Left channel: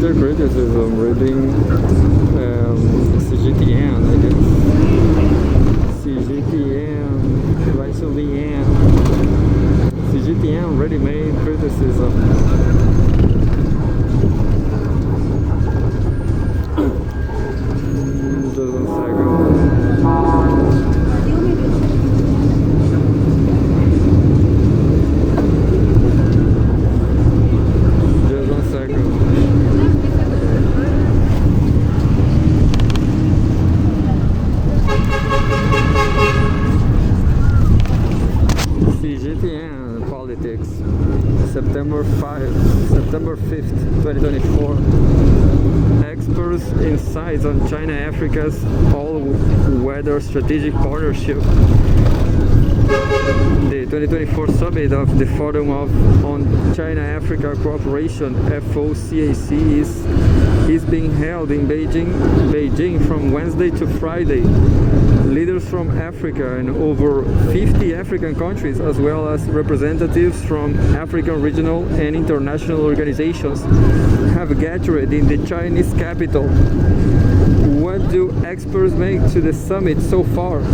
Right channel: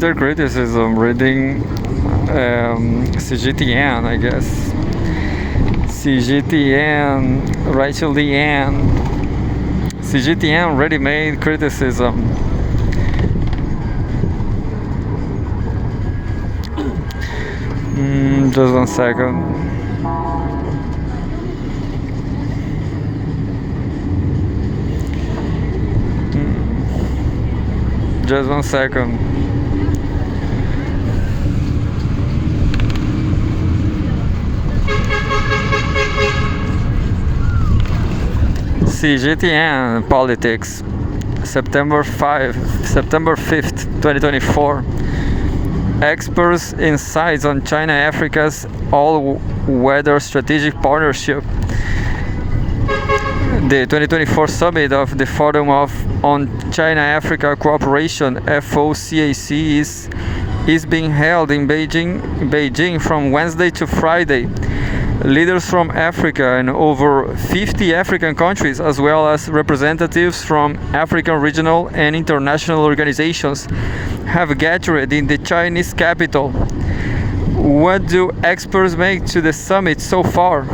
bitter criticism reading CGTN, I guess. CGTN, Rachel Leanne. CGTN ready-made criticism. Just 1 second. Just 1 second. CGTN Politics, September 5th, 2024. Experts' insights on China-Africa's all-weather strategic partnership. The 2024 summit of the Forum on China-Africa Cooperation (FOCAC) is being held in Beijing from Wednesday to Friday. Leaders from Africa and over 50 African countries, as well as representatives from African regional and international organizations, have gathered in the Chinese capital. What do experts make to the summit so far?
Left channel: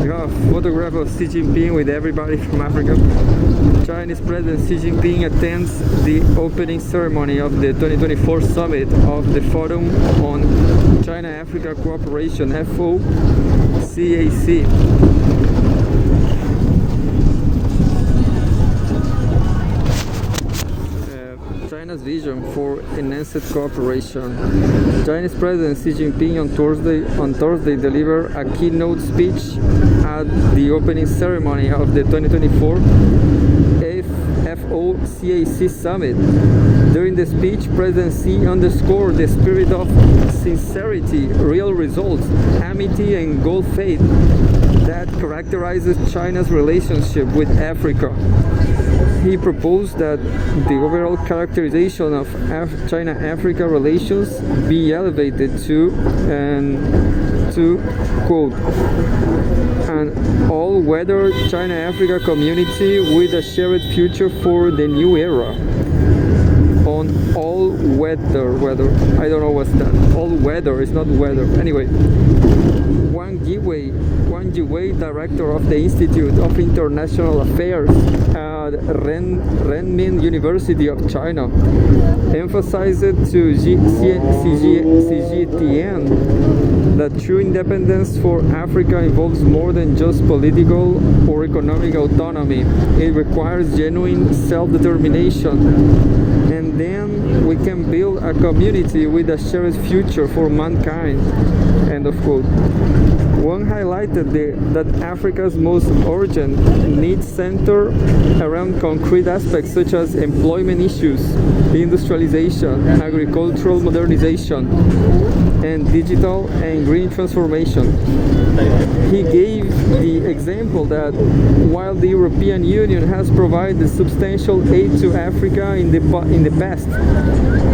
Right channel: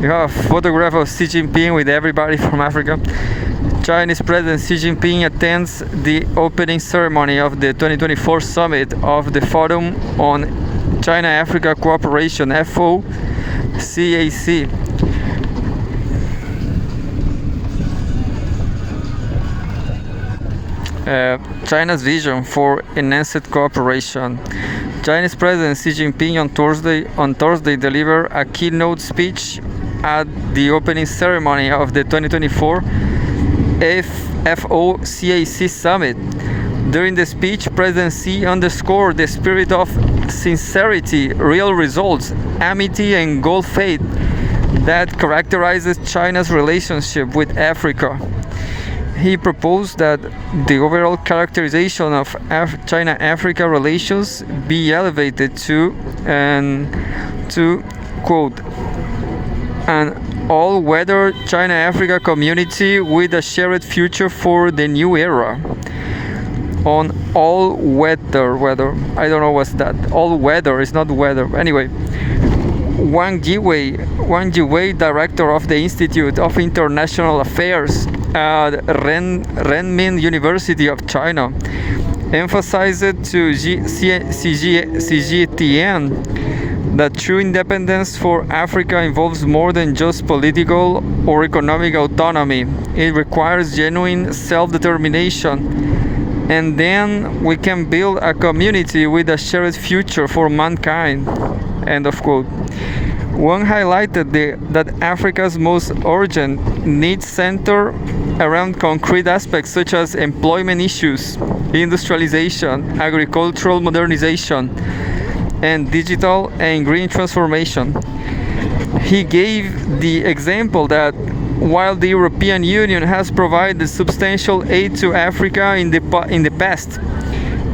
You have a photograph of Xi Jinping with everybody from Africa. Chinese President Xi Jinping attends the opening ceremony of the 2024 summit of the Forum on China-Africa Cooperation (FOCAC). China's vision for enhanced cooperation. Chinese President Xi Jinping on Thursday delivered a keynote speech at the opening ceremony of the 2024 FOCAC summit. During the speech, President Xi underscored the spirit of sincerity, real results, amity, and good faith that characterizes China's relationship with Africa. He proposed that the overall characterization of China-Africa relations be elevated to, quote, an all-weather China-Africa community with a shared future for the new era. On all-weather, I don't know what's that. All-weather is not weather. Anyway, Wang Jiwei, director of the Institute of International Affairs at Renmin University of China, emphasized to CGTN that true independence for Africa involves more than just political or economic autonomy. It requires genuine self-determination, and then we can build a community with a shared future for mankind. End of quote. Wang highlighted that Africa's most urgent needs center around concrete aspects such as employment issues, industrialization, agricultural modernization, and digital and green transformation. He gave the example that while the European Union has provided substantial aid to Africa in the past,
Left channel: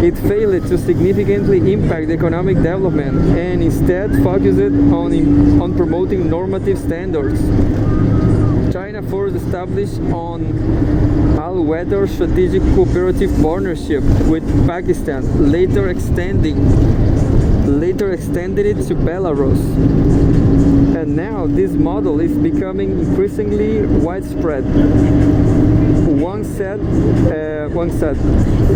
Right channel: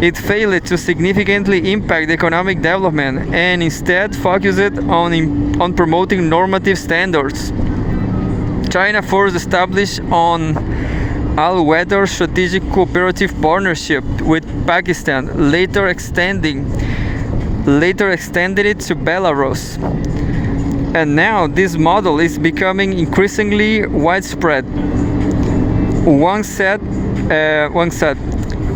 it failed to significantly impact economic development and instead focused on promoting normative standards. China first established an all-weather strategic cooperative partnership with Pakistan, later extended it to Belarus. And now this model is becoming increasingly widespread. Wang said,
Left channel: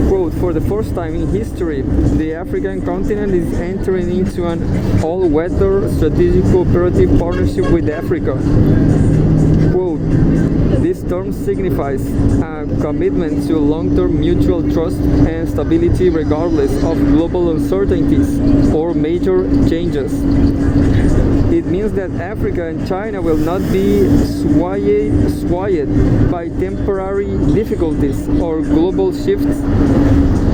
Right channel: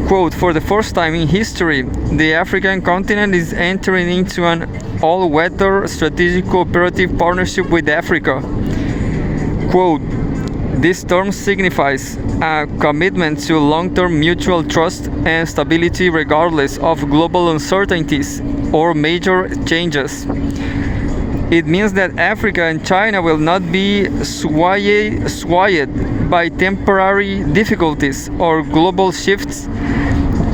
quote, for the first time in history, the African continent is entering into an all-weather strategic cooperative partnership with Africa. Quote, this term signifies a commitment to long-term mutual trust and stability regardless of global uncertainties or major changes. It means that Africa and China will not be swayed by temporary difficulties or global shifts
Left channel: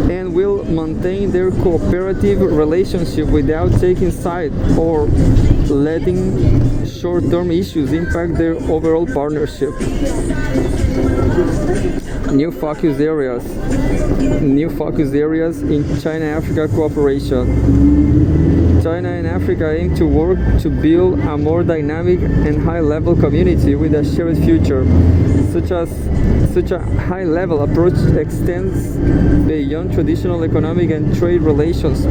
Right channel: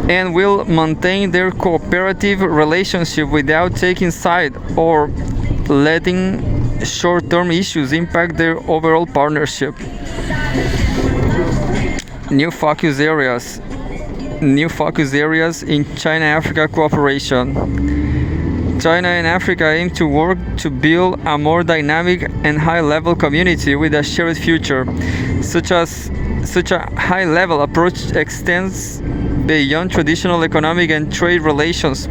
and will maintain their cooperative relationship without taking side or letting short-term issues impact their overall partnership. New focus areas. New focus areas in China-Africa cooperation. China and Africa aim to work to build a more dynamic and high-level community with a shared future. Such a high-level approach extends beyond traditional economic and trade relations,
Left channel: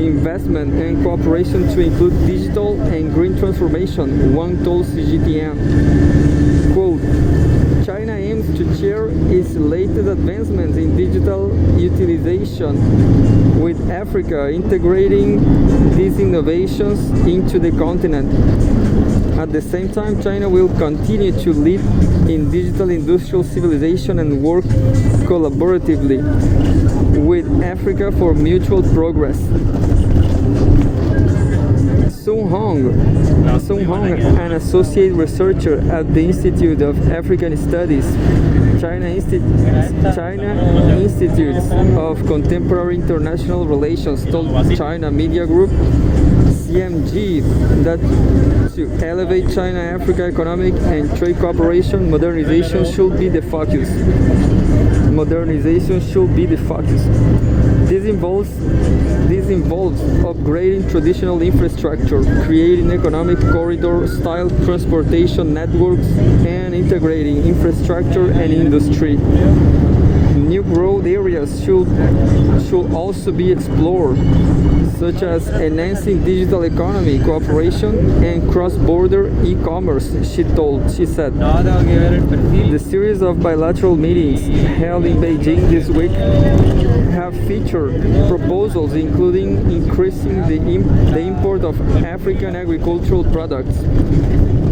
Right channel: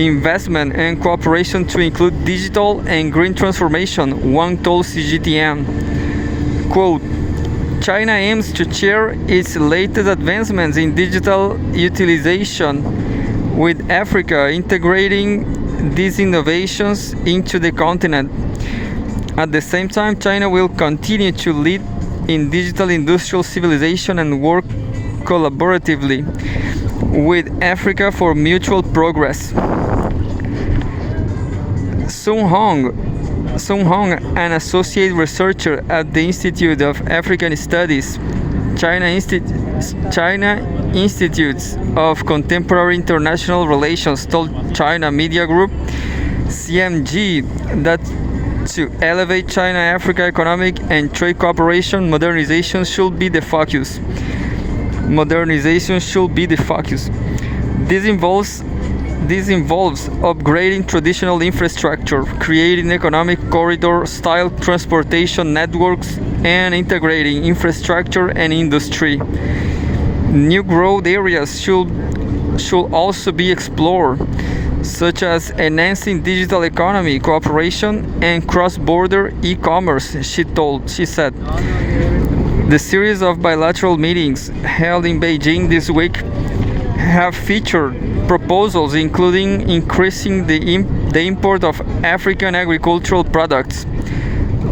investment and cooperation to include digital and green transformation, Wang told CGTN. Quote, China aims to share its latest advancements in digital utilization with Africa, integrating these innovations into the continent. At the same time, China will continue to lead in digital industrial civilization and work collaboratively with Africa for mutual progress. Sung Hong, an associate researcher at the Institute of African Studies, China Institutes of Contemporary International Relations, told China Media Group, CMG, that to elevate China-Africa economic and trade cooperation, modernization should be the focus. This involves upgrading traditional infrastructure, creating economic corridor-style transportation networks, and integrating infrastructure and industry. New growth areas should also be explored, such as enhancing digital economy cooperation and cross-border e-commerce, she said. The series of bilateral meetings held in Beijing this week have featured proposals including increasing the import of African agricultural products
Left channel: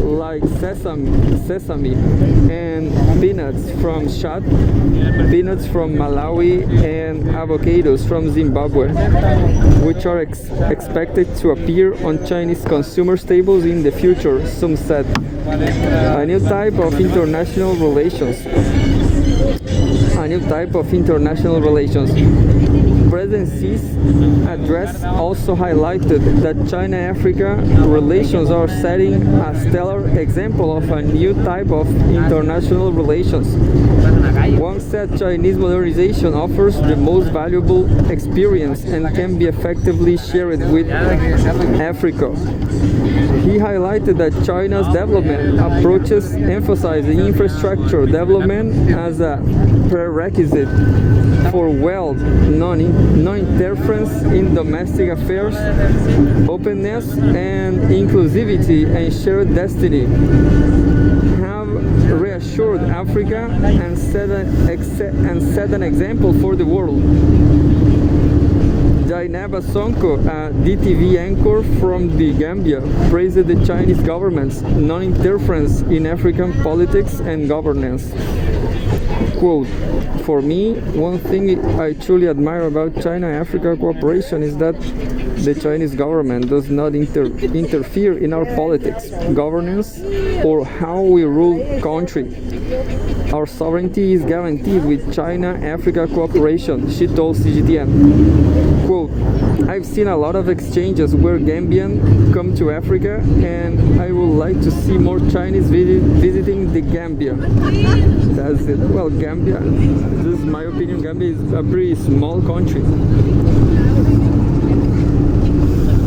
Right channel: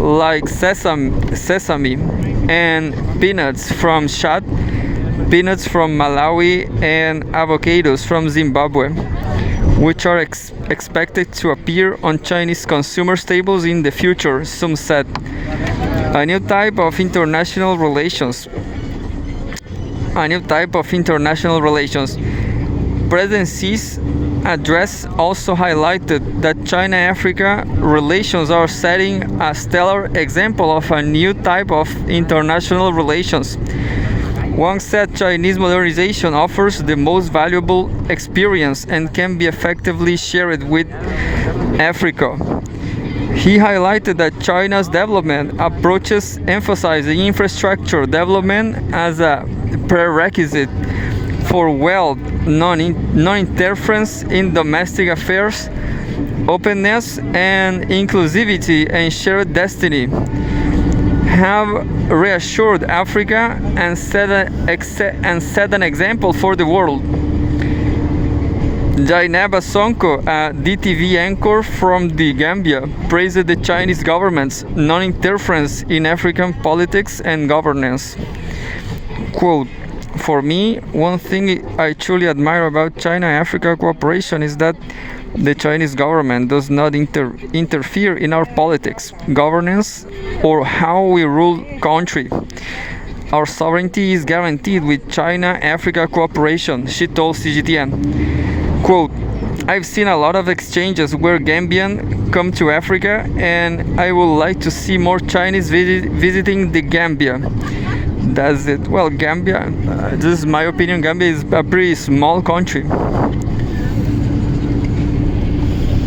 like sesame and peanuts from Chad, peanuts from Malawi, and avocados from Zimbabwe, which are expected to appear on Chinese consumer staples in the future, some said. A new type of international relations. President Xi's address also highlighted that China-Africa relations are setting a stellar example of a new type of international relations. Wang said Chinese modernization offers the most valuable experience and can be effectively shared with Africa. He highlighted that China's development approaches emphasizing infrastructure development as a prerequisite for wealth, non-interference in domestic affairs, openness and inclusivity, and shared destiny, have reassured Africa and set an example for the world. Jainaba Sonko, a DTV anchor from the Gambia, praised the Chinese government's non-interference in African politics and governance. Quote, for me, one thing I truly admire about China-Africa cooperation is that the Chinese government does not interfere in our politics, governance, or how we rule country. Our sovereignty is guaranteed with China-Africa cooperation, she told CGTN. Quote, I've seen a lot of exchanges where Gambians come to Africa, and I would like to see more Chinese visiting the Gambia. That's it. Well, Gambia, this is my opinion, Gambia is a pretty small country.